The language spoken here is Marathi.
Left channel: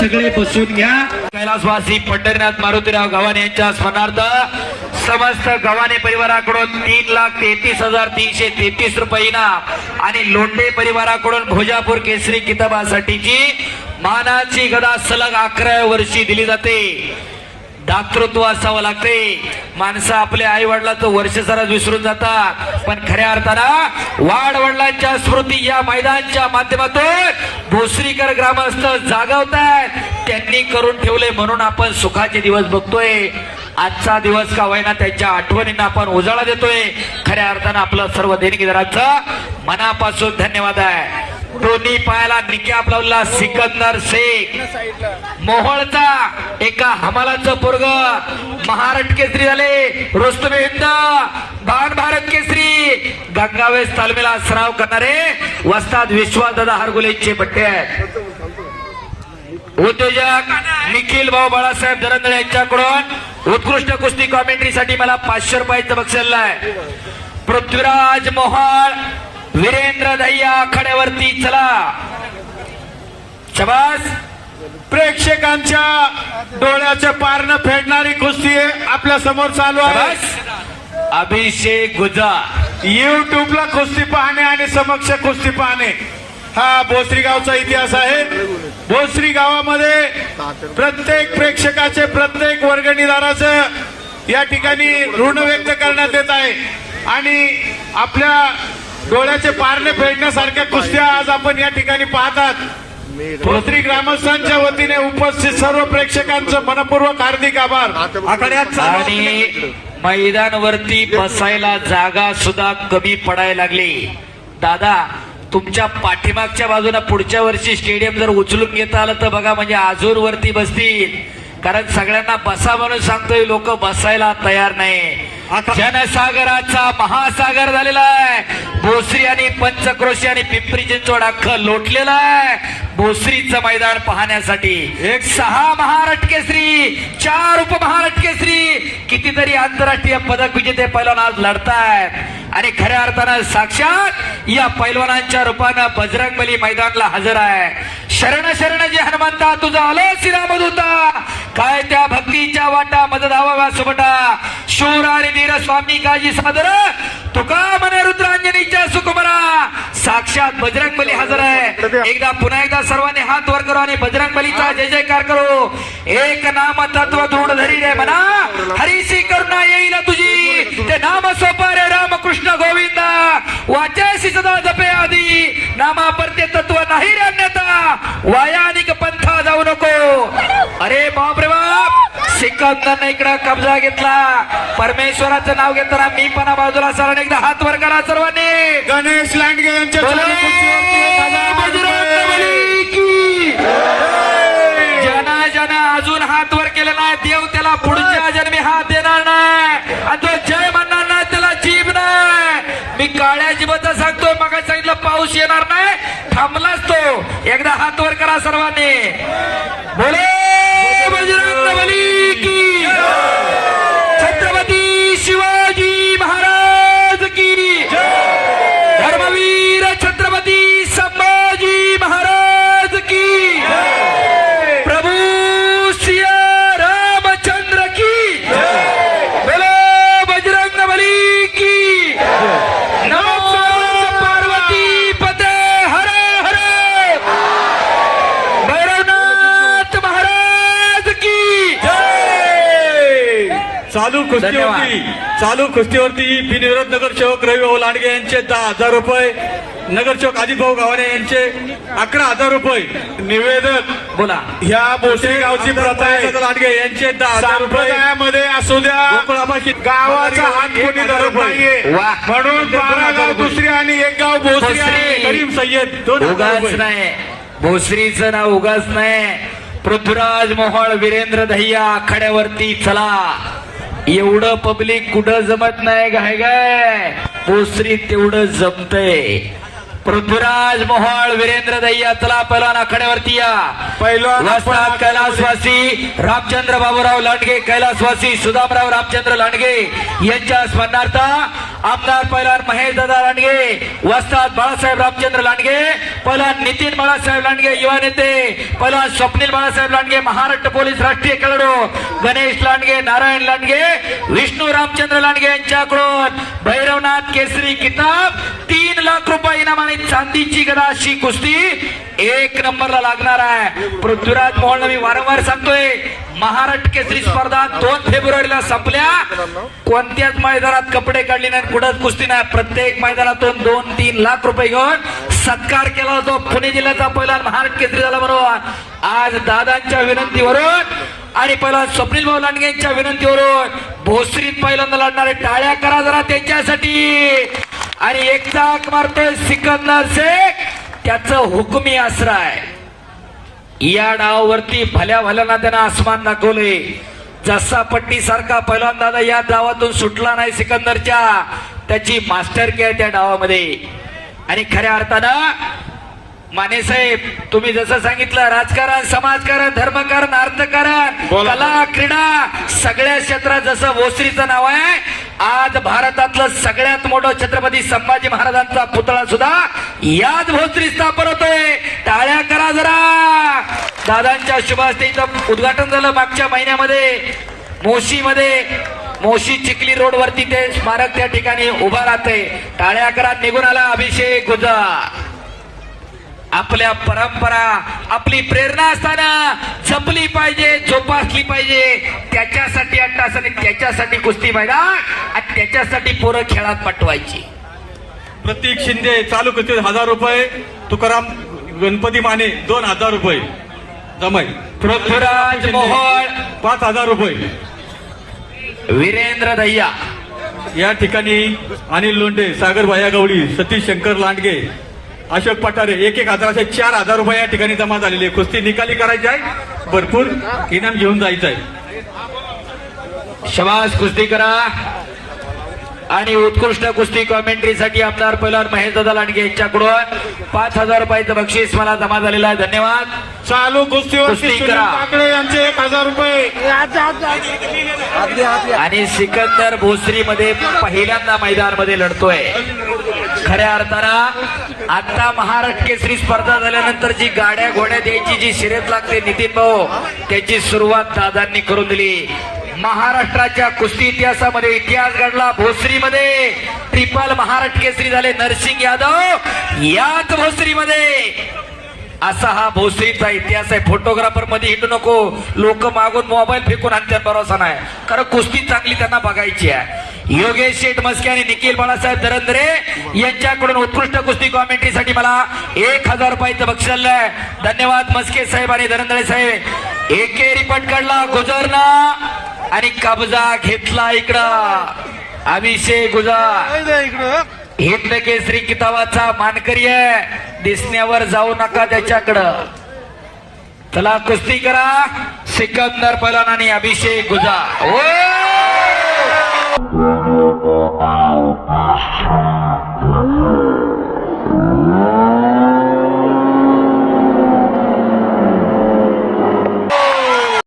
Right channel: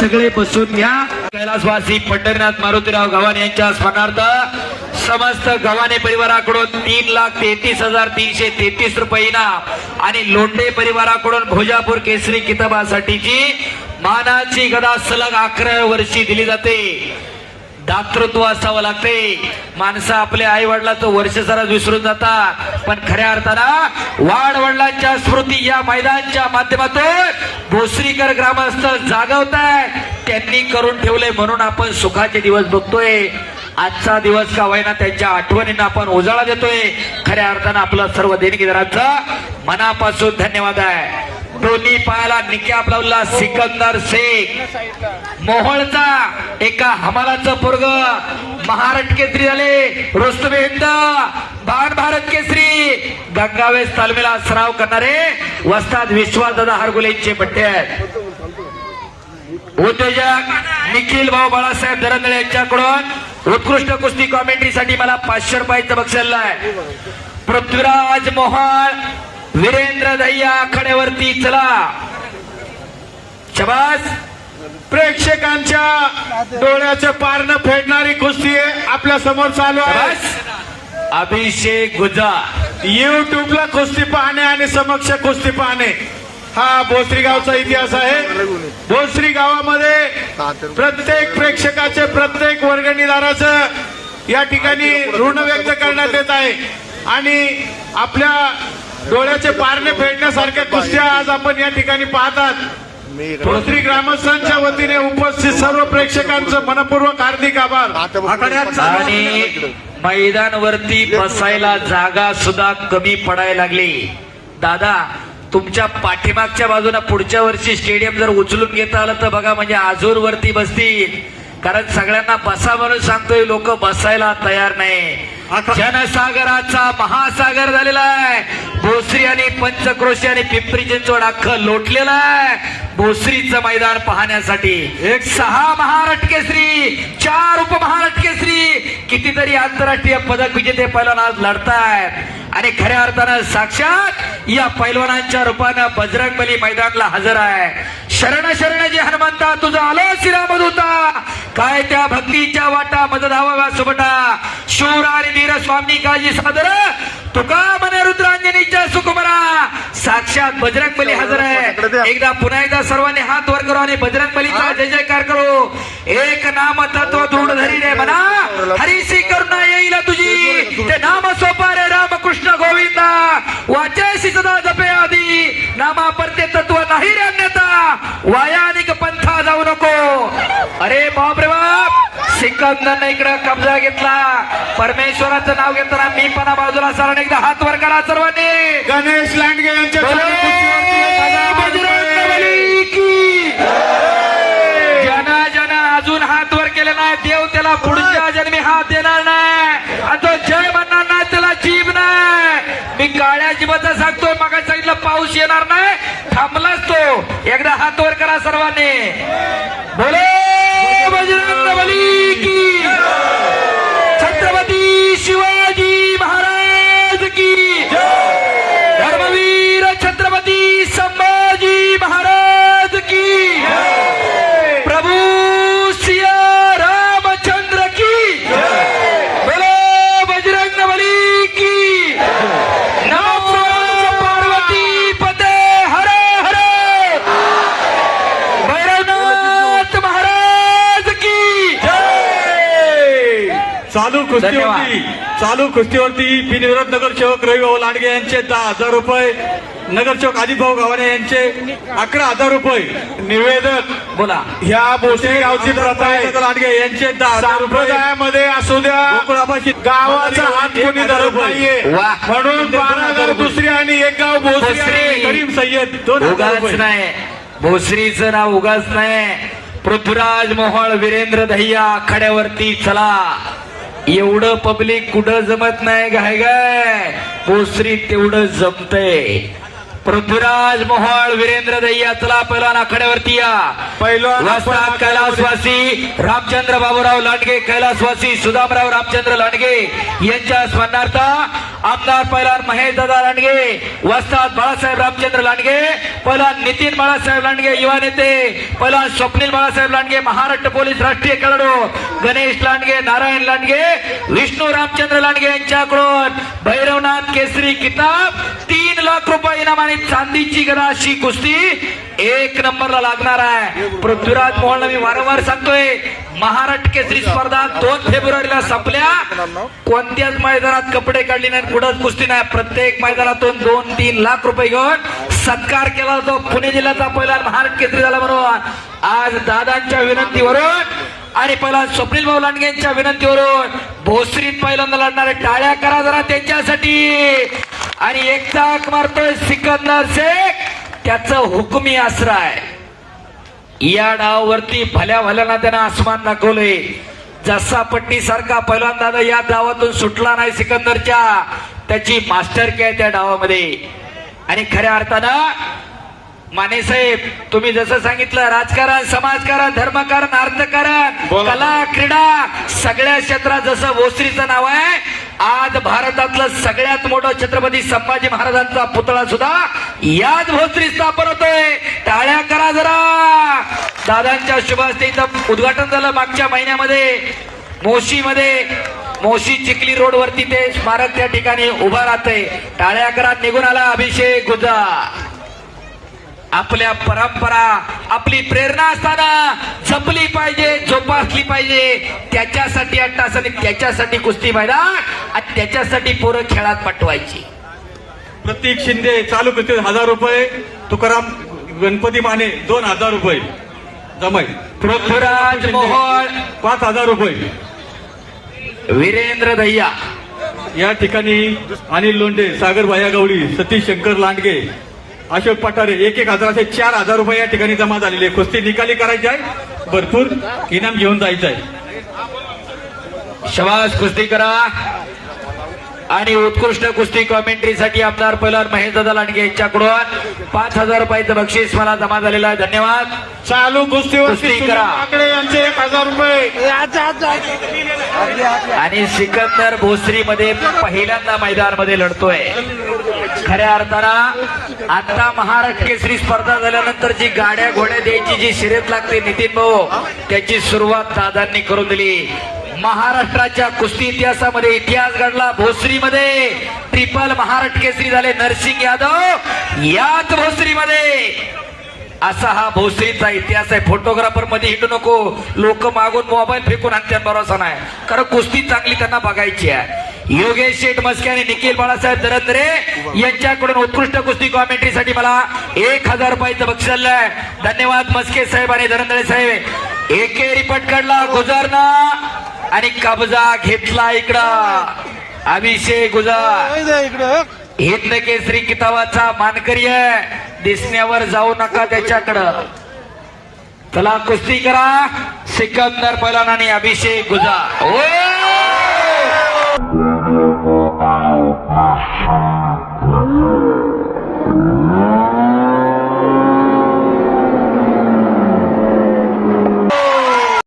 सगळे बसून घ्या. कैलासवासी पंढरीनाथ मारुतीराव गव्हाणे यांच्या स्मरणार्थ समस्त गव्हाणे परिवाराकडून 3,33,333 रुपये इनाम आणि लोंढे परिवाराकडून भोजापूर केसरी किताबासाठीची मानाची गदा सलग 11 वर्षी दिली जाते. दातृत्व असावं लागते. माणसं आपल्या आई वडिलाचं वर्ष सारा विसरून जातात, पण खऱ्या अर्थानं वाड वडिलांच्या स्मृती या मैदानाच्या माध्यमातून भोसरीकर ग्रामस्थ जागवतात. त्यांनी करून ठेवले म्हणून आपण सुखाचे दिवस बघतोय. आजचा दिवस का होईना त्यांच्या आठवणींना आपण उजाळा देतोय. खऱ्या अर्थानं आपलं सर्व देणगीदारांचं मनापासून धन्यवाद आहे. दोन्ही पायाला निकाब लावला सिकंदर शेख मोहोळचा एका हमालाचं पोरग महाराष्ट्र केसरी झाले. रुस्तम हिंद बाण भारत केसरी गंगावेश तालमीला सराव करणारे वस्ताद विश्वासदादा हरगुलेचे बट्टे आहेत. उद्योजक निखिल भाऊ बाळासाहेब दरंदळे यांच्याकडून उत्कृष्ट कुस्ती कॉमेंट्रीसाठी मला 500 रुपयाचं बक्षीस आहे. पृथ्वीराज मोहोळ वीरेंद्र दह्या आखाड्यावरती चला. शबास. प्रेक्षकांच्या डोळ्याचे पारणं फेडणारी कुस्ती आपल्या समोर चालू आहे. अभिषेक गुजा युट्यूबला कुस्ती पाहणे आणि समक्ष कुस्ती पाहणे हा भोसरी गावचा इतिहास आहे. भोसरी गावामध्ये प्रत्येक प्रेक्षकाचे प्रत्येक वर्गणीदाराचं या ठिकाणी ऋण व्यक्त करण्यात येत आहे आणि आपल्या डोळ्याचे पारणे फेडण्यासारख्या कुस्त्या आज आपण या ठिकाणी पाहतात. भोसरी ग्रामस्थांच्या वतीने उपस्थित सर्व प्रेक्षकांचं मनपूर्वक हार्दिक आभार. आणि मैदानावरती बसायला जागा सुद्धा कमी पडायला लागली. दादा तुमच्या पाठीमागच्या बाजूला पुढच्या वर्षी स्टेडियम जर उचलून घेता आलं तर बघा, म्हणजे आजूर वरती बसतील. कारण सगळ्यांना बसा म्हणून सांगतोय, लोक बसायला तयार नाही. जनसागराचा महासागर झालेला आहे. भोसरी आणि पंचक्रोशी आणि पिंपरी चिंचवड अख्खं लोटलेलं आहे भोसरीचं मैदान पाहण्यासाठी. 6 महाराष्ट्र केसरी, 4 उपमहाराष्ट्र केसरी, कितीतरी आंतरराष्ट्रीय पदक विजेते पैलवान आज लढतायत आणि खऱ्या अर्थानं साक्षात या पैलवानांच्या रूपानं बजरंगबली मैदानाला हजर आहे. शरण शरण जे हनुमंता तुझा आलो शिरामधुता, काय त्या भक्तीच्या वाटा मज धावा सुबटा, शूर आणि वीर स्वामी काजी सादर तुका मने रुद्रांजनीच्या सुकुमरा. साक्षात बजरंगबली हजर आहे. एकदा पुन्हा एकदा सर्वांनी हात वर करू आणि बजरंगबलीचा जय जयकार करू. एक नाम तत्व दृढ धरी रे मना, हरीसी करुणा येईल तुझी, ते नाम सोपा रे रामकृष्ण गोविंदा, वाचेसी सदा जपे आधी, नामा परते तत्व नाही रे अन्यथा, वायानिक पंथा जाऊ नको. अरे बाप रे बाप, सिकंदरने इकडे कब्जा घेतला. परमेश्वराचं नाव घेताना मी पण बाजूला सरण एकदा हात वर करा सर्वांनी. गणेश लांडगे यांच्या ज्यानं अजून हात वर केले नाही, देव त्याला पुढच्या जन्मी हात देणार नाही आणि तो जय म्हणणार नाही, त्याला जीभ नाही. मी काळ्या जीवाचा सांगतो, मग सांगितलं पाऊस येणार नाही, थांबलाच तो. एकदा हात वर करा सर्वांनी. बोले बजरंगबली की, छत्रपती शिवाजी महाराज की, धर्मवीर छत्रपती संभाजी महाराज की, प्रभू सिया रामचंद्र की, बोलो बजरंगबली की. नमो पार्वती पते हर हर, भैरवनाथ महाराज की. चालू कुस्तीवरती बिनविरोध नगरसेवक रविभाऊ लांडगे यांचे 10,000 रुपये, नगरसेवक अजितभाऊ गव्हाणे यांचे 11,000 रुपये. निवेदक बोला, ह्या भोसरी गावची लांडगे यांचे 10,000 रुपये असू द्या. गावाचा हात कोणी धरत नाहीये म्हणून 12 गाव दुसरी आणि 1 गाव भोसरी आहे. करीम सय्यद 2,000 उगाच नाही, भोसरीचं नाव उगाच नाही. पृथ्वीराज मोहोळ वीरेंद्र दह्या आखाड्यावरती चला. एवढं पब्लिक कुठं जमत नाही गाय गाय, भोसरी तेवढं जमतंय. पृथ्वीराज मोहोळ वीरेंद्र दह्या चला, पैलवान आखाड्यावरती या. वस्ताद कैलासवासी रामचंद्र बाबूराव लांडगे, कैलासवासी सुदामराव रामचंद्र लांडगे यांच्या स्मरणार्थ आमदार पैलवान महेश दादा लांडगे, वस्ताद बाळासाहेब रामचंद्र लांडगे, पैलवान नितीन बाळासाहेब लांडगे युवा नेते, पैलवान स्वप्नील बाळासाहेब लांडगे महाराष्ट्र पोलीस राष्ट्रीय खेळाडू, गणेश लांडगे, नारायण लांडगे, विष्णू रामचंद्र लांडगे यांच्याकडून भैरवनाथ केसरी किताब, 3 लाख रुपये इनाम आणि चांदीची गदा अशी कुस्ती 1 नंबरला लागणार आहे. पृथ्वीराज मोहोळ मी वारंवार सांगतोय, महाराष्ट्र केसरी स्पर्धा 2 फेब्रुवारीला संपल्या. कोणत्याच मैदानात कपडे काढले नाही, कुठंच कुस्ती नाही. प्रत्येक मैदानातून 2-3 लाख रुपये घेऊन सत्कार केला जातो. पुणे जिल्ह्याचा पहिला महाराष्ट्र केसरी झाला बरोबर. आज दादांच्या विनंतीवरून आणि पहिला स्वप्नील भाऊ लांडगे यांच्या विनंतीवरून भोसरीत पहिल्यांदा लढणारे टाळ्या करा जरा त्यांच्यासाठी. आणि एक चाक मारतोय सिकंदर शेख, त्याचं हुकुमी आसरा आहे. या डावावरती भल्या भल्याना त्यानं आसमान दाखवले. जसा पट्टी सारखा पहिलवान दादा या डावातून सुटला नाही सिकंदरच्या, त्याची मास्टरकी आहे त्या डावामध्ये. आणि खऱ्या अर्थानं माने साहेब तुम्ही जसं सांगितलं, राजकारण, समाजकारण, धर्मकारण, अर्थकारण, बोला. कला, क्रीडा सगळ्या क्षेत्रात जसं भोसरीचं नाव आहे, आज भारतातलं सगळ्यात मोठं छत्रपती संभाजी महाराजांचा पुतळा सुद्धा याच भोसरी स्थापन होतोय. टाळ्या करा जरा. दादांच्या शुभ हस्ते इथं उद्घाटन झालं मागच्या महिन्यामध्ये मोशीमध्ये. मोशी चिखली रोड वरती ते स्मारक त्या ठिकाणी उभा राहतंय. टाळ्या करा. निघून आला अभिषेक गुजर. आपल्या परंपरा, आपली प्रेरणा असताना जपली पाहिजे, जोपासली पाहिजे. त्याच्यासाठी अट्टास आणि त्याच्यासाठी कुस्ती मैदान आणि त्याच्यासाठी पोरं खेळात पाठवायची. प्रतीक शिंदे चालू करते 1000 रुपये, तुकाराम गणपती माने 2000 रुपये जमाई, पृथ्वीराज मोहोळ 5000 रुपये. वीरेंद्र दह्या या ठिकाणी अनिल लोंढे, सागर भाया गवळी, सतीश शंकर लांडगे, अशोक पठारे 1,000 असे 4000 रुपये या ठिकाणी जमा झालेले. कुस्ती निकाली करायची आहे, भरपूर इनाम घेऊन जायचं आहे. शबास कुस्ती करा. आणि उत्कृष्ट कुस्ती कॉमेंट्रीसाठी आमदार पैलवान महेश दादा लांडगे यांच्याकडून 5000 रुपयाचं बक्षीस मला जमा झालेलं आहे. धन्यवाद. चालू कुस्तीवर कुस्ती करा. यांचे 1000 रुपये. आणि सिकंदर भोसरीमध्ये पहिल्यांदा मैदानामध्ये लढतोय. खऱ्या अर्थानं आता महाराष्ट्र केसरी स्पर्धा झाल्यानंतर जी गाड्या घोड्या द्यायची जी शर्यत लागते नितीन भाऊ, त्याची सुरुवात दादांनी करून दिली. महाराष्ट्राच्या कुस्ती इतिहासामध्ये इतिहास घडला. भोसरीमध्ये ट्रिपल महाराष्ट्र केसरी झाले नरसिंग यादव याच भोसरीमध्ये. असा हा भोसरीचा इतिहास आहे. फोटोग्राफर मध्ये हिंडू नको, लोक मागून मोबाईल फेकून आणत्यात भरोसा नाही, कारण कुस्ती चांगली त्यांना बघायची आहे. योगेश शेठ मस्के आणि निखिल बाळासाहेब दरंदरे यांच्याकडून उत्कृष्ट कुस्ती कॉमेंट्रीसाठी मला 1000 रुपयाचं बक्षीस आहे. धन्यवाद मस्के साहेब आणि दरंदरे साहेब. एकेरी पटकाडला गुजरना आणि कब्जा घेतला इकडं अभिषेक गुजर. हिंद केसरी किताबाचा मानकरी आहे, दिसण्यावर जाऊ नका त्याच्याकडं. चला कुस्ती करा. सिकंदर पैलवान आणि अभिषेक गुजर. ओ